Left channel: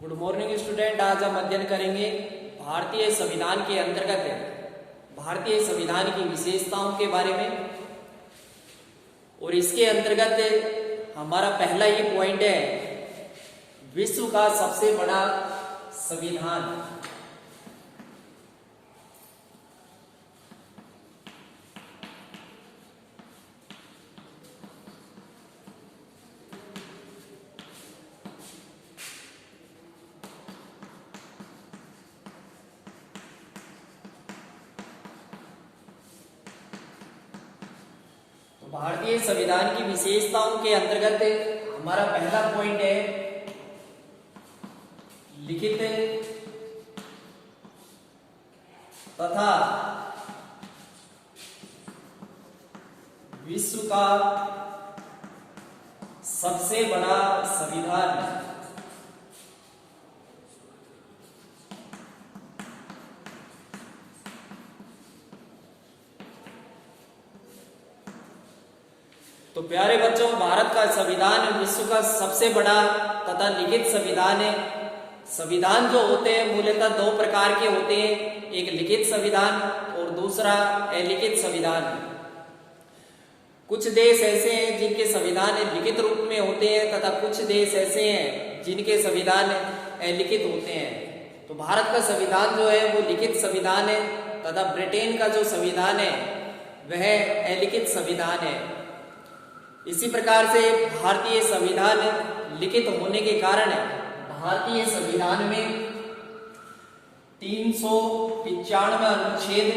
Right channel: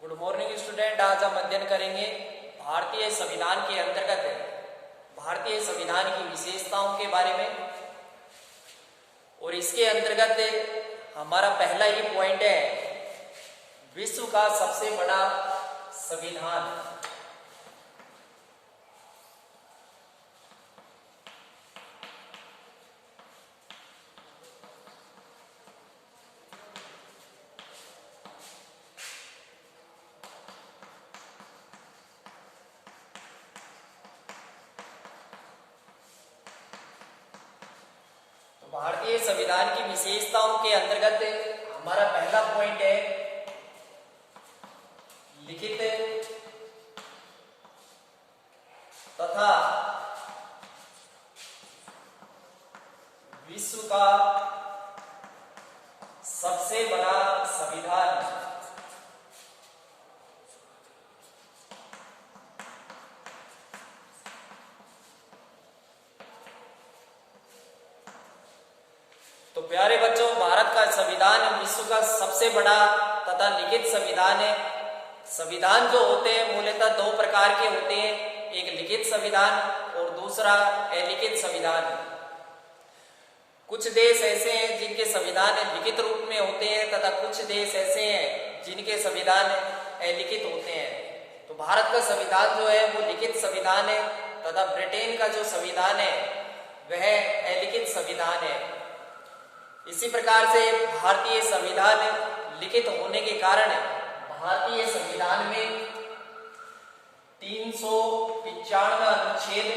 Good morning student. आज हम अध्ययन करेंगे भारतीय संविधान के अंतर्गत भारतीय संविधान की विशेषताओं के बारे में। और इसके अंतर्गत हमारा पहला ये पॉइंट है विश्व का सबसे बड़ा संविधान। भारतीय संविधान की विशेषताओं के अंतर्गत हमारा पहला पॉइंट है लिखित तथा विश्व का सबसे बड़ा संविधान। तो प्यारे बच्चों, भारत का संविधान विश्व का सबसे बड़ा तथा लिखित संविधान है। संविधान जो होते हैं मूलतः दो प्रकार के होते हैं, एक लिखित संविधान और दूसरा अलिखित संविधान। कुछ देश ऐसे हैं जिनके संविधान लिखित रूप में होते हैं तथा कुछ देश ऐसे हैं जिनके संविधान अलिखित होते हैं। तो भारत का संविधान जो है वो लिखित संविधान है तथा ब्रिटेन का जो संविधान है वह अलिखित संविधान है। इसी प्रकार से भारतीय संविधान लिखित होने के कारण भारतीय संविधान में 395 अनुच्छेद,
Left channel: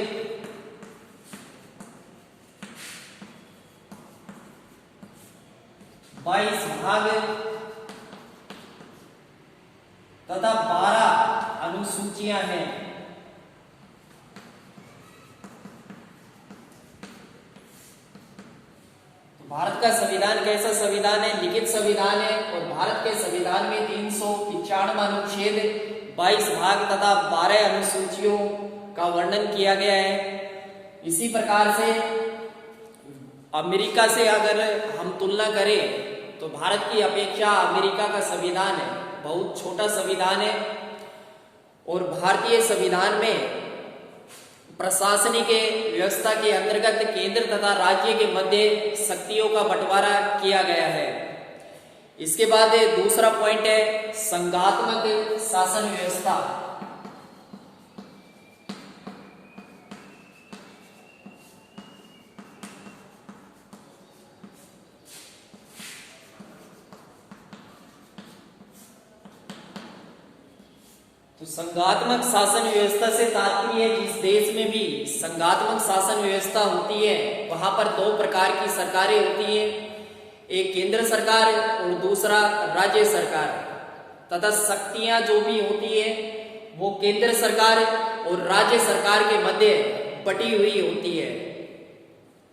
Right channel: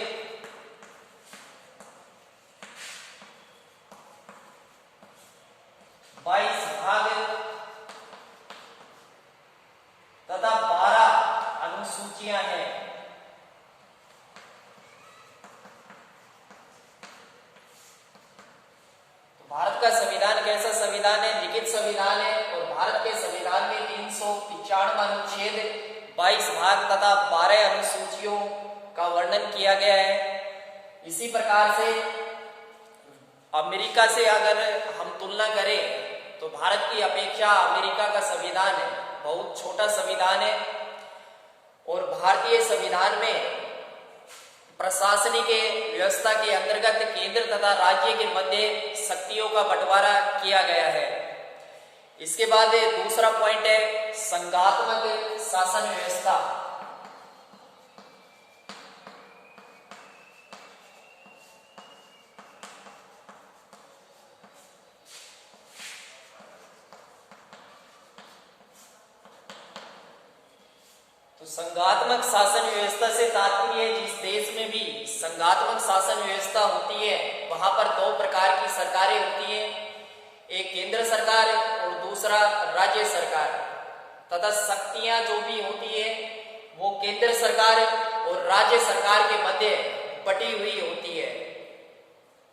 22 भाग तथा 12 अनुसूचियां हैं। भारत का संविधान कैसा संविधान है? लिखित संविधान है। और भारत के संविधान में 395 अनुच्छेद, 22 भाग तथा 12 अनुसूचियों का वर्णन किया गया है। इसी प्रकार से अमेरिका से अगर हम तुलना करें तो भारत की अपेक्षा अमेरिका का संविधान बहुत छोटा संविधान है। और भारतीय संविधान में प्रशासनिक व्यवस्था के अंतर्गत केंद्र तथा राज्य के मध्य शक्तियों का बंटवारा किया गया है। इसके बाद दूसरा पॉइंट है संघात्मक शासन व्यवस्था। तो संघात्मक शासन व्यवस्था से तात्पर्य है जिस देश में भी संघात्मक शासन व्यवस्था होती है वहां पर दो प्रकार की सरकारें होती हैं, एक केंद्र सरकार और दूसरा राज्य सरकार। तथा शक्तियां जो भी होती है वो केंद्र सरकार और राज्य सरकार के मध्य बटी हुई होती है।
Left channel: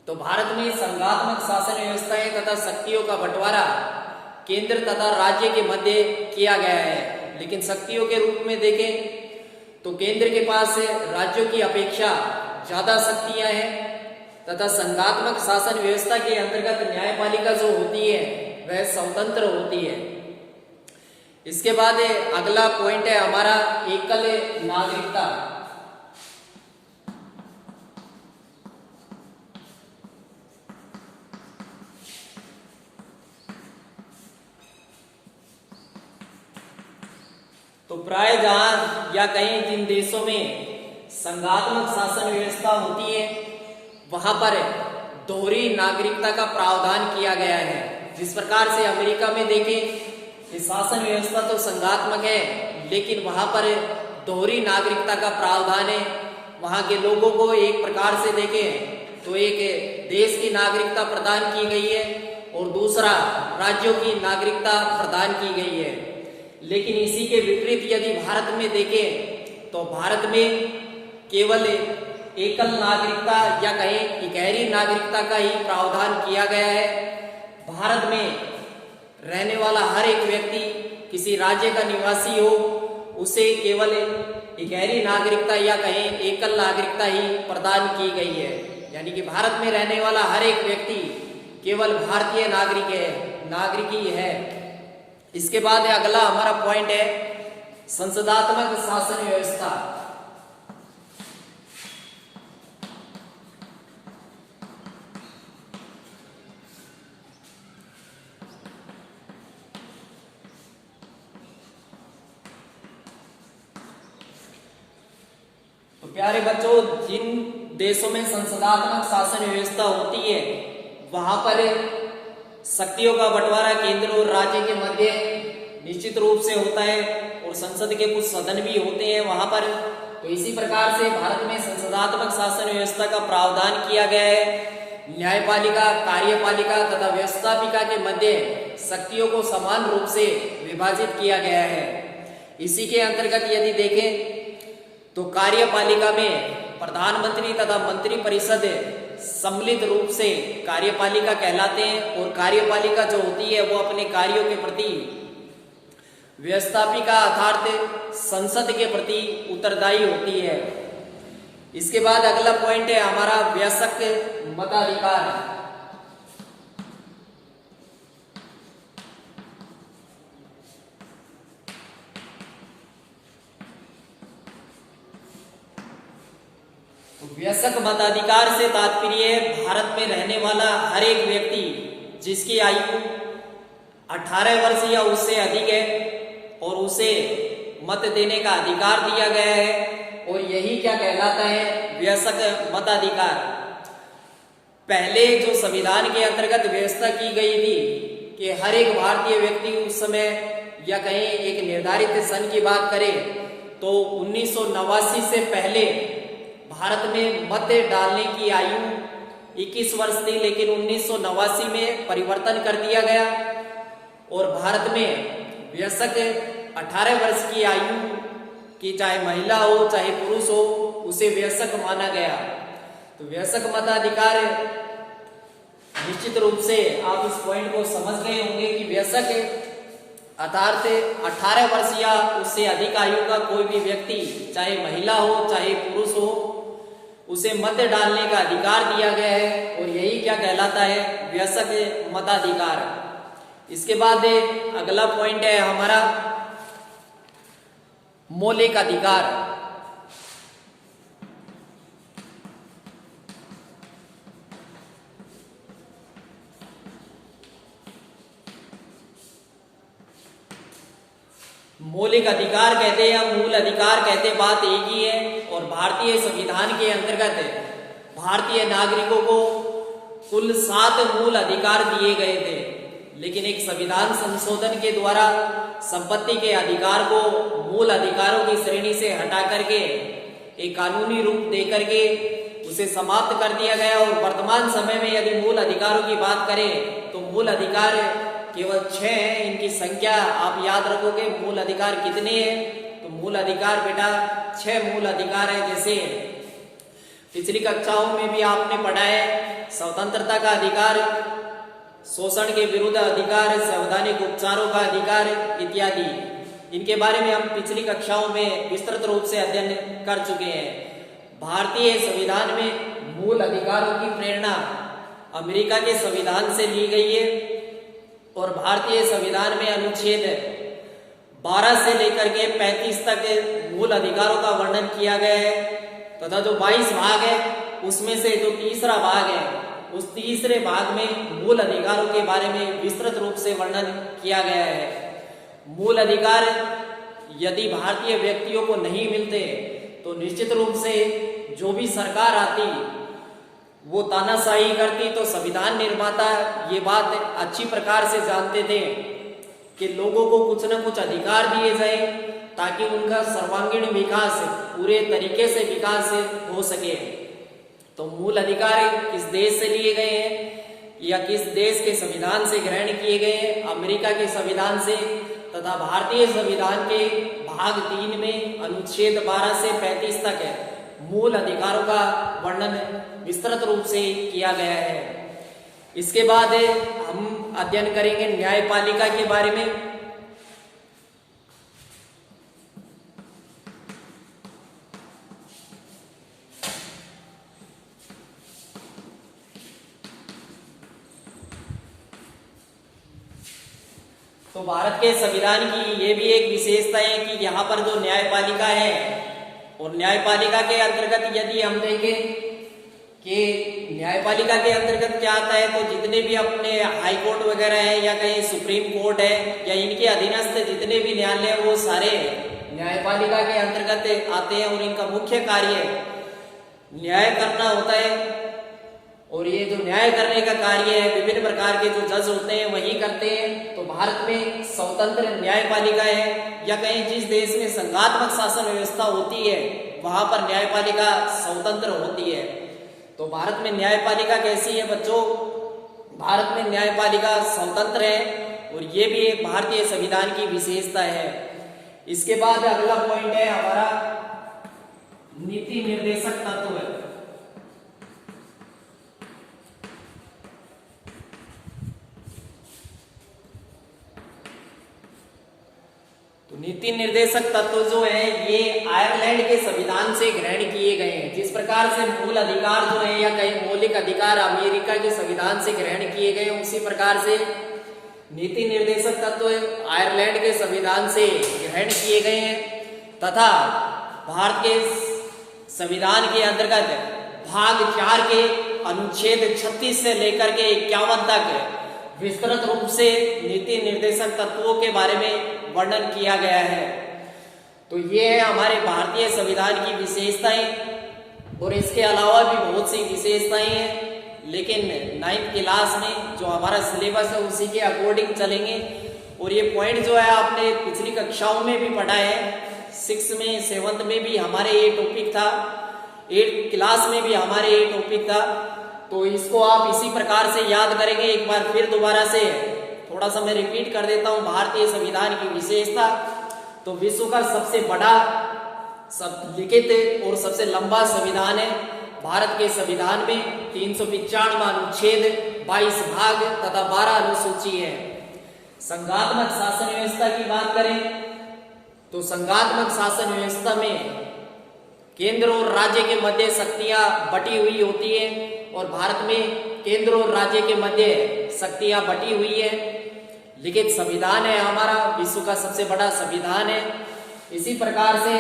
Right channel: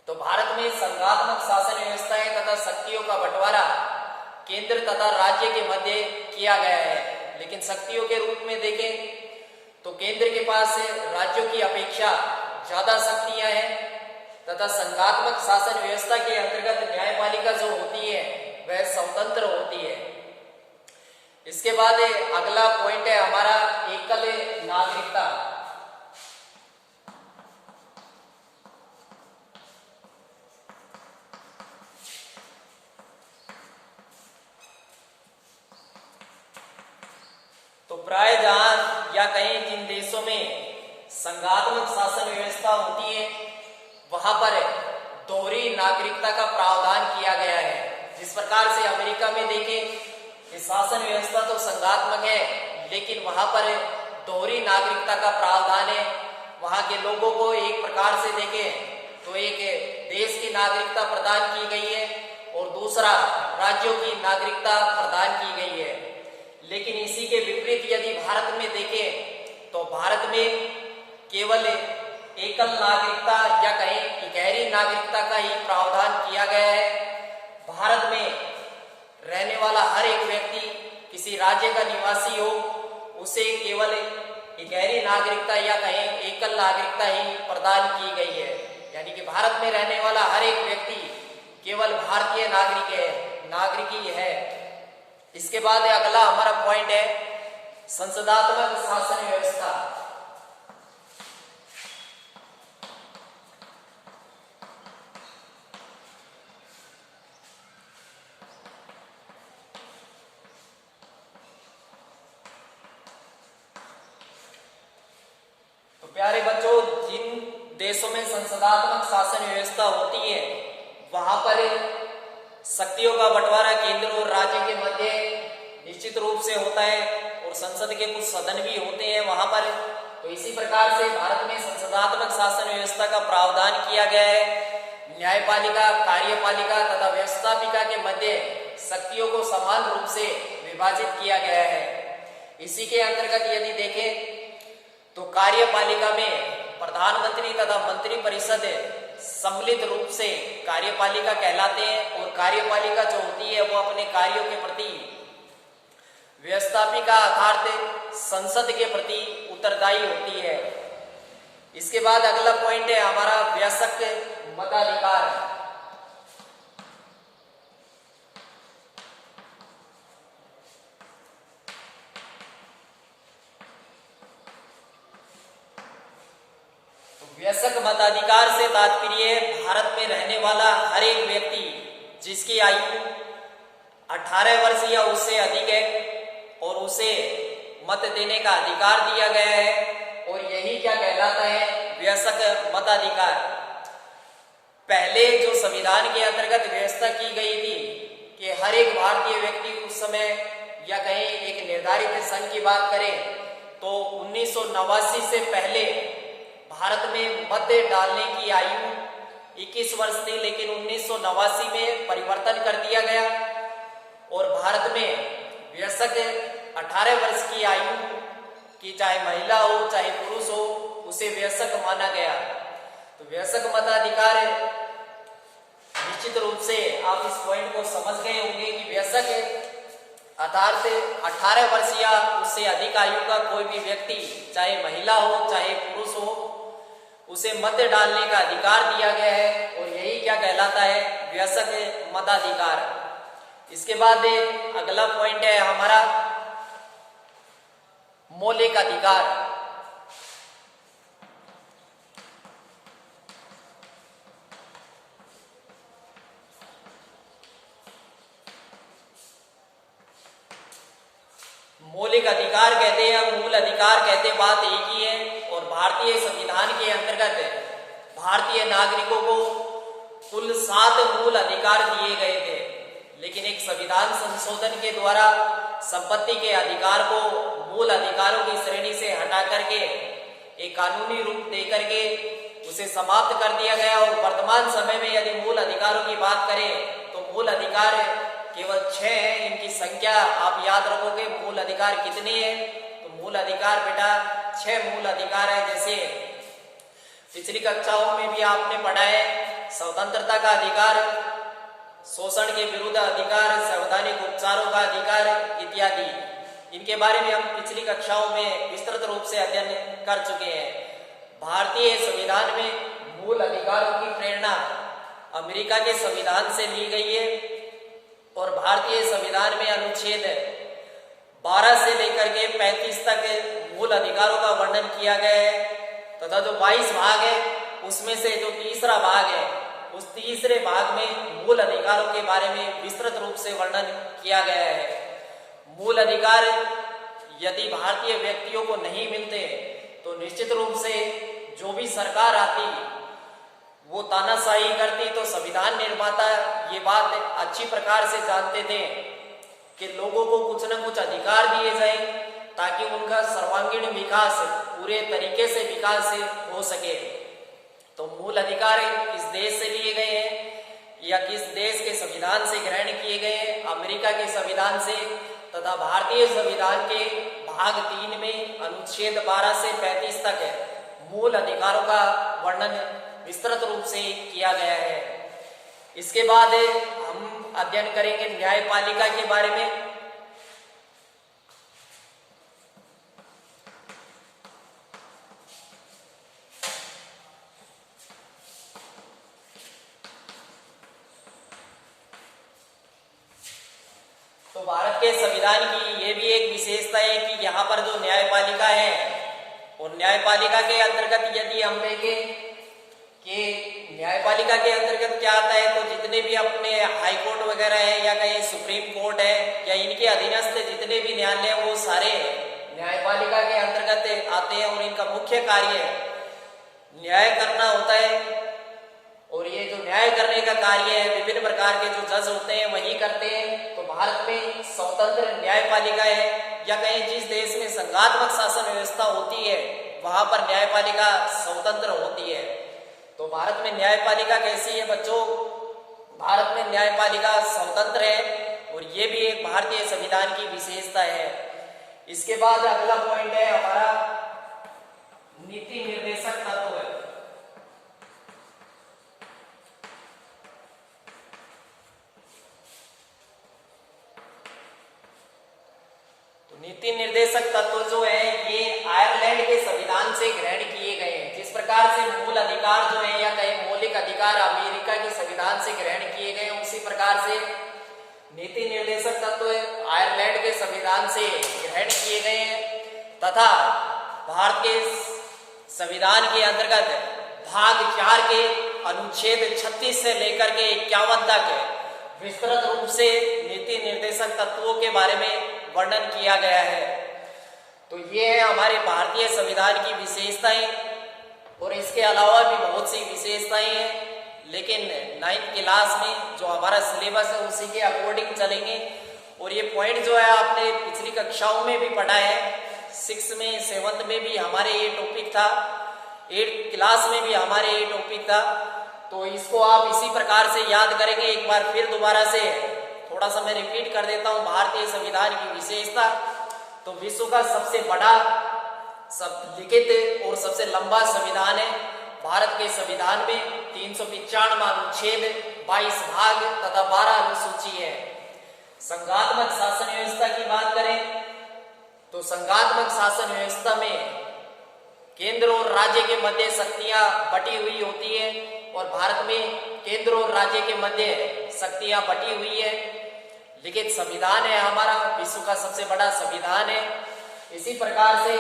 तो भारत में संघात्मक शासन व्यवस्थाएं तथा शक्तियों का बंटवारा केंद्र तथा राज्य के मध्य किया गया है। लेकिन शक्तियों के रूप में देखें तो केंद्र के पास राज्यों की अपेक्षा ज्यादा शक्तियां हैं तथा संघात्मक शासन व्यवस्था के अंतर्गत न्यायपालिका जो होती है वह स्वतंत्र होती है। इसके बाद अगला पॉइंट है हमारा एकल नागरिकता। तो प्राय जहां या कहीं जिन देशों में संघात्मक शासन व्यवस्था होती है वहां पर दोहरी नागरिकता का प्रावधान किया गया है। जिस प्रकार से अमेरिका में देखें कि शासन व्यवस्था तो संघात्मक है लेकिन वहां पर दोहरी नागरिकता का प्रावधान है। वहां के लोगों को एक प्रकार से देखें तो एक देश की नागरिकता प्रदान की गई है और दूसरा राज्यों की नागरिकता प्रदान की गई है। लेकिन इसी के विपरीत यदि भारत में देखें तो भारत में केवल एकल नागरिकता या कहीं इकहरी नागरिकता का ही प्रावधान किया गया है। भारत में रहने वाला हर एक व्यक्ति किसी राज्य का निवासी हो उसे केवल इकहरी नागरिकता या कहीं एकल नागरिकता ही प्रदान की गई है। यानी कि भारत में रहने वाला हर एक व्यक्ति केवल भारतीय नागरिक ही है। इसके बाद अगला हमारा पॉइंट है संसदात्मक शासन व्यवस्था। तो प्यारे बच्चों, जिन देशों में संसदात्मक शासन व्यवस्था होती है वहां पर शक्तियों का बंटवारा केंद्र और राज्य के मध्य निश्चित रूप से होता है और संसद के कुछ सदन भी होते हैं वहां पर। तो इसी प्रकार से भारत में संसदात्मक शासन व्यवस्था का प्रावधान किया गया है। न्यायपालिका, कार्यपालिका तथा व्यवस्थापिका के मध्य शक्तियों को समान रूप से विभाजित किया गया है। इसी के अंतर्गत यदि देखें तो कार्यपालिका में प्रधानमंत्री तथा मंत्री परिषद सम्मिलित रूप से कार्यपालिका कहलाते हैं और कार्यपालिका जो होती है वो अपने कार्यों के प्रति व्यवस्थापिका अर्थात संसद के प्रति उत्तरदायी होती है। इसके बाद अगला पॉइंट है हमारा वयस्क मताधिकार। वयस्क मताधिकार से तात्पर्य भारत में रहने वाला हर एक व्यक्ति जिसकी आयु 18 वर्ष या उससे अधिक है और उसे मत देने का अधिकार दिया गया है और यही क्या कहलाता है, वयस्क मताधिकार। पहले जो संविधान के अंतर्गत व्यवस्था की गई थी कि हर एक भारतीय व्यक्ति उस समय या कहीं एक निर्धारित संघ की बात करें तो 1989 से पहले भारत में मत डालने की आयु 21 वर्ष थी, लेकिन 1989 में परिवर्तन कर दिया गया और भारत में वयस्क 18 वर्ष की आयु की चाहे महिला हो चाहे पुरुष हो उसे वयस्क माना गया। तो वयस्क मताधिकार निश्चित रूप से आप इस पॉइंट को समझ गए होंगे कि वयस्क अर्थात 18 वर्ष या उससे अधिक आयु का कोई भी व्यक्ति चाहे महिला हो चाहे पुरुष हो उसे मत डालने का अधिकार दिया गया है और यही क्या कहलाता है, वयस्क मताधिकार। इसके बाद अगला पॉइंट है हमारा मौलिक अधिकार। मौलिक अधिकार कहते हैं या मूल अधिकार कहते, बात एक ही है और भारतीय संविधान के अंतर्गत भारतीय नागरिकों को कुल 7 मूल अधिकार दिए गए थे, लेकिन एक संविधान संशोधन के द्वारा संपत्ति के अधिकार को मूल अधिकारों की श्रेणी से हटा करके एक कानूनी रूप दे करके उसे समाप्त कर दिया गया। और वर्तमान समय में यदि मूल अधिकारों की बात करें तो मूल अधिकार केवल 6 हैं। इनकी संख्या आप याद रखोगे, मूल अधिकार कितने हैं, तो मूल अधिकार बेटा 6 मूल अधिकार है। जैसे पिछली कक्षाओं में भी आपने पढ़ा है, स्वतंत्रता का अधिकार, शोषण के विरुद्ध अधिकार, संवैधानिक उपचारों का अधिकार इत्यादि। इनके बारे में हम पिछली कक्षाओं में विस्तृत रूप से अध्ययन कर चुके हैं। भारतीय संविधान में मूल अधिकारों की प्रेरणा अमेरिका के संविधान से ली गई है और भारतीय संविधान में अनुच्छेद 12 से लेकर के 35 तक मूल अधिकारों का वर्णन किया गया है तथा जो 22 भाग है उसमें से जो तीसरा भाग है उस तीसरे भाग में मूल अधिकारों के बारे में विस्तृत रूप से वर्णन किया गया है। मूल अधिकार यदि भारतीय व्यक्तियों को नहीं मिलते तो निश्चित रूप से जो भी सरकार आती वो तानाशाही करती। तो संविधान निर्माता ये बात अच्छी प्रकार से जानते थे कि लोगों को कुछ न कुछ अधिकार दिए जाए ताकि उनका सर्वांगीण विकास, पूरे तरीके से विकास हो सके। तो मूल अधिकार किस देश से लिए गए हैं या किस देश के संविधान से ग्रहण किए गए हैं? अमेरिका के संविधान से तथा भारतीय संविधान के भाग 3 में अनुच्छेद 12 से 35 तक है मूल अधिकारों का वर्णन विस्तृत रूप से किया गया है। इसके बाद हम अध्ययन करेंगे न्यायपालिका के बारे में। तो तो भारत के संविधान की ये भी एक विशेषता है कि यहाँ पर जो न्यायपालिका है, और न्यायपालिका के अंतर्गत यदि हम देखें कि न्यायपालिका के अंतर्गत क्या आता है, तो जितने भी अपने हाई कोर्ट वगैरह है या कहीं सुप्रीम कोर्ट है या इनके अधीनस्थ जितने भी न्यायालय हैं वो सारे न्यायपालिका के अंतर्गत आते हैं और इनका मुख्य कार्य न्याय करना होता है। और ये जो न्याय करने का कार्य है विभिन्न प्रकार के जो जज होते हैं वही करते हैं। तो भारत में स्वतंत्र न्यायपालिका है, या कहीं जिस देश में संघात्मक शासन व्यवस्था होती है वहां पर न्यायपालिका स्वतंत्र होती है। तो भारत में न्यायपालिका कैसी है बच्चों? भारत में न्यायपालिका स्वतंत्र है और ये भी एक भारतीय संविधान की विशेषता है। इसके बाद अगला पॉइंट है हमारा नीति निर्देशक तत्व है। नीति निर्देशक तत्व जो है ये आयरलैंड के संविधान से ग्रहण किए गए हैं। जिस प्रकार से मूल अधिकार जो है या कई मौलिक अधिकार अमेरिका के संविधान से ग्रहण किए गए उसी प्रकार से नीति निर्देशक तत्व आयरलैंड के संविधान से ग्रहण किए गए हैं तथा भारत के संविधान के अंतर्गत भाग 4 के अनुच्छेद 36 से लेकर के 51 तक विस्तृत रूप से नीति निर्देशक तत्वों के बारे में वर्णन किया गया है। तो ये है हमारे भारतीय संविधान की विशेषताएं, और इसके अलावा भी बहुत सी विशेषताएं हैं, लेकिन 9th क्लास में जो हमारा सिलेबस है उसी के अकॉर्डिंग चलेंगे। और ये पॉइंट जो है आपने पिछली कक्षाओं में भी पढ़ा है, 6th में 7th में भी हमारे ये टॉपिक था, 8th क्लास में भी हमारे ये टॉपिक था। तो इसको आप इसी प्रकार से याद करेंगे। एक बार फिर दोबारा से थोड़ा सा मैं रिपीट कर देता हूं भारतीय संविधान की विशेषता। तो विश्व का सबसे बड़ा सब लिखित और सबसे लंबा संविधान है। भारत के संविधान में 395 अनुच्छेद, 22 भाग तथा 12 अनुसूची है। संघात्मक शासन व्यवस्था की बात करें तो संघात्मक शासन व्यवस्था में केंद्र और राज्य के मध्य शक्तियां बटी हुई होती है, और भारत में केंद्र और राज्य के मध्य शक्तियां बटी हुई है। लिखित संविधान है हमारा, विश्व का सबसे बड़ा संविधान है। इसी प्रकार से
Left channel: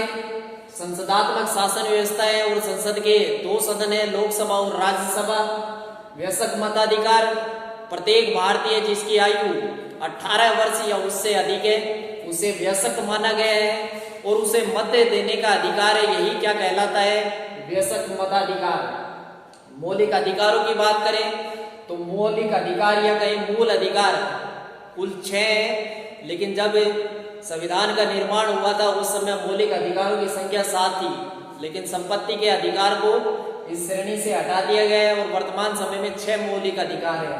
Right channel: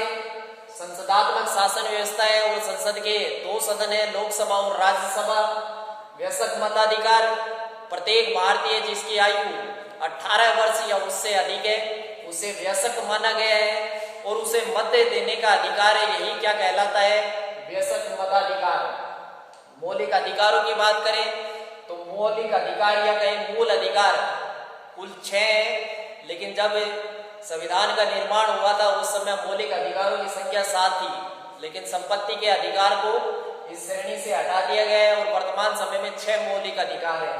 संसदात्मक शासन व्यवस्था है और संसद के 2 सदन है, लोकसभा और राज्यसभा। वयस्क मताधिकार, प्रत्येक भारतीय जिसकी आयु 18 वर्ष या उससे अधिक है उसे वयस्क माना गया है और उसे मत देने का अधिकार है। यही क्या कहलाता है? वयस्क मताधिकार। मौलिक अधिकारों की बात करें तो मौलिक अधिकार या कहीं मूल अधिकार कुल 6 है, लेकिन जब संविधान का निर्माण हुआ था उस समय मौलिक अधिकारों की संख्या 7 थी, लेकिन संपत्ति के अधिकार को इस श्रेणी से हटा दिया गया है और वर्तमान समय में 6 मौलिक अधिकार है।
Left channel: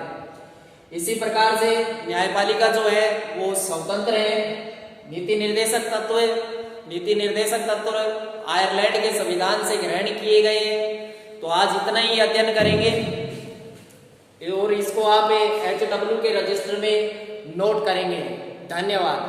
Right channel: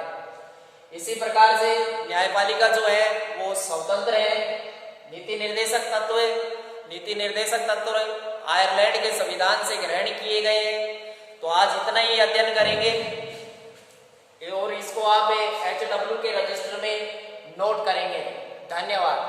इसी प्रकार से न्यायपालिका जो है वो स्वतंत्र है। नीति निर्देशक तत्व है, नीति निर्देशक तत्व आयरलैंड के संविधान से ग्रहण किए गए हैं। तो आज इतना ही अध्ययन करेंगे और इसको आप HW के रजिस्टर में नोट करेंगे। धन्यवाद।